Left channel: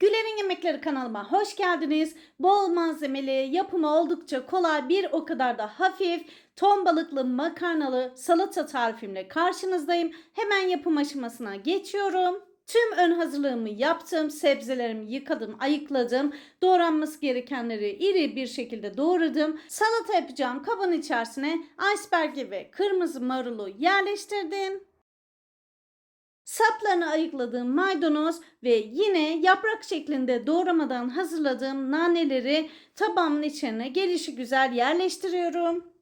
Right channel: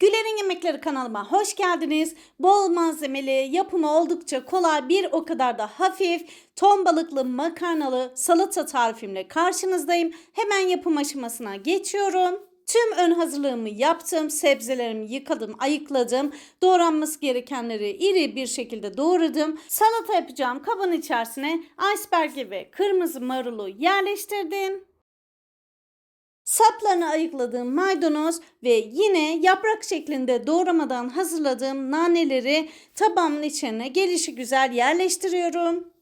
Güler'in Yemekleri kanalıma hoş geldiniz. Bol malzemeli, yapımı oldukça kolay, bir o kadar da hafif, ton balıklı makarnalı salata tarifimle karşınızdayım. Hemen yapım aşamasına geçiyorum. Tüm ön hazırlığımı yaptım. Sebzelerimi yıkadım, ayıkladım. Doğranması gerekenleri iri bir şekilde doğradım. Salata yapacağım kabın içerisine iceberg'i ve kırmızı marulu yerleştirdim. Saplarını ayıkladığım maydanoz ve yine yaprak şeklinde doğramadan hazırladığım naneleri tabağımın içine gelişi güzel yerleştiriyorum.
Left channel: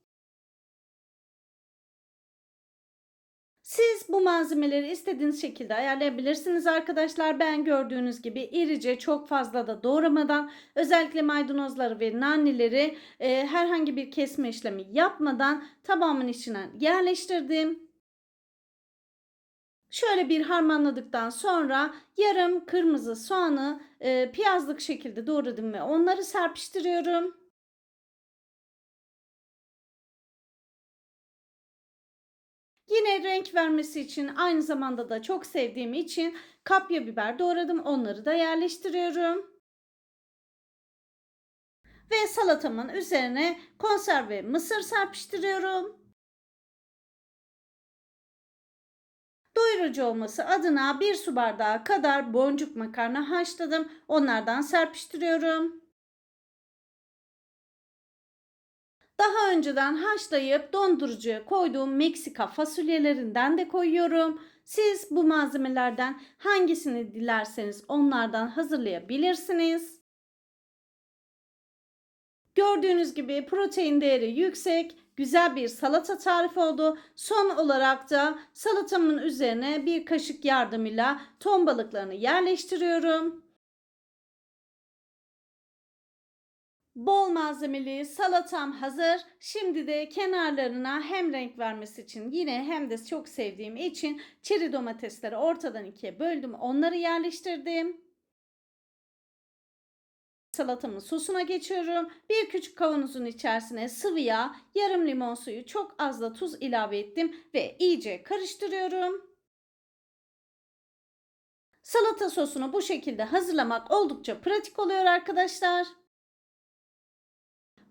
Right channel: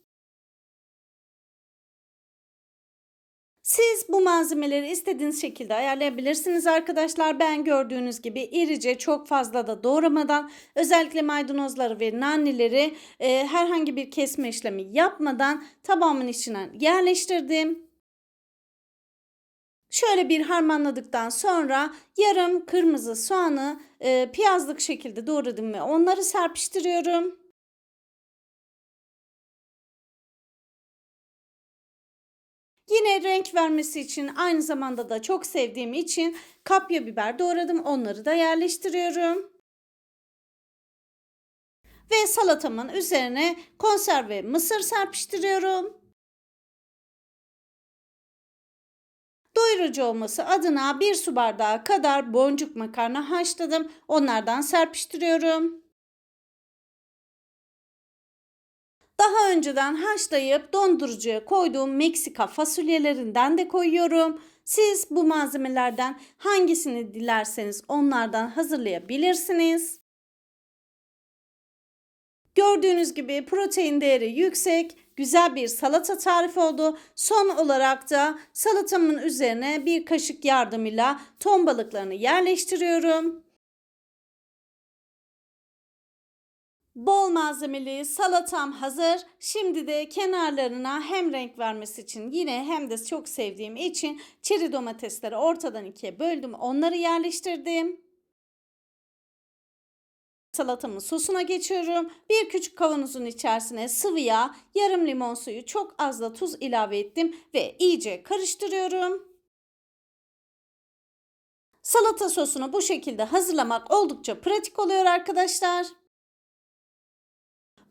Siz bu malzemeleri istediğiniz şekilde ayarlayabilirsiniz arkadaşlar. Ben gördüğünüz gibi irice çok fazla da doğramadan özellikle maydanozları ve naneleri e, herhangi bir kesme işlemi yapmadan tabağımın içine yerleştirdim. Şöyle bir harmanladıktan sonra yarım kırmızı soğanı e, piyazlık şekilde doğradım ve onları serpiştiriyorum. Yine renk vermesi için aynı zamanda da çok sevdiğim için kapya biber doğradım. Onları da yerleştiriyorum. Ve salatamın üzerine konserve mısır serpiştiriyorum. Doyurucu olması adına bir su bardağı kadar boncuk makarna haşladım. Onlardan serpiştiriyorum. Daha önceden haşlayıp dondurucuya koyduğum Meksika fasulyelerinden de koyuyorum. Siz bu malzemelerden hangisini dilerseniz onlardan hazırlayabilirsiniz. Gördüğünüz gibi protein değeri yüksek, güzel bir salata tarifi oldu. Son olarak da salatamın üzerine bir kaşık yardımıyla ton balıklarını yerleştiriyorum. Bol malzemeli salatam hazır. Şimdi de kenarlarına hem renk vermesi için yine hem de çok sevdiğim için çeri domatesleri ortadan ikiye böldüm. Onları yerleştirdim. Salatamın sosuna geçiyorum. Bir küçük kavanozun içerisine sıvı yağ, yarım limon suyu, çok az da tuz ilave ettim ve iyice karıştırıyorum. Salata sosunu bu şekilde hazırlamak oldukça pratik oluyor arkadaşlar.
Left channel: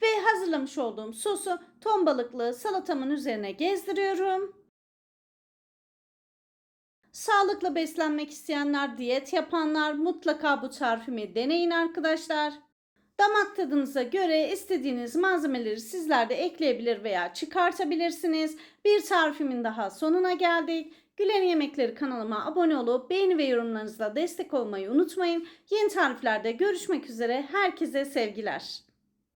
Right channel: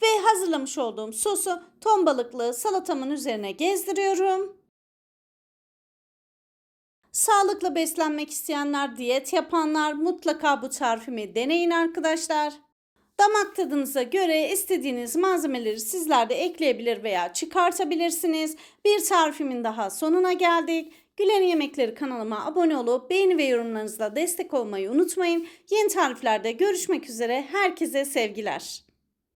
Ve hazırlamış olduğum sosu ton balıklı salatamın üzerine gezdiriyorum. Sağlıklı beslenmek isteyenler, diyet yapanlar mutlaka bu tarifimi deneyin arkadaşlar. Damak tadınıza göre istediğiniz malzemeleri sizler de ekleyebilir veya çıkartabilirsiniz. Bir tarifimin daha sonuna geldik. Gülen Yemekleri kanalıma abone olup beğeni ve yorumlarınızla destek olmayı unutmayın. Yeni tariflerde görüşmek üzere. Herkese sevgiler.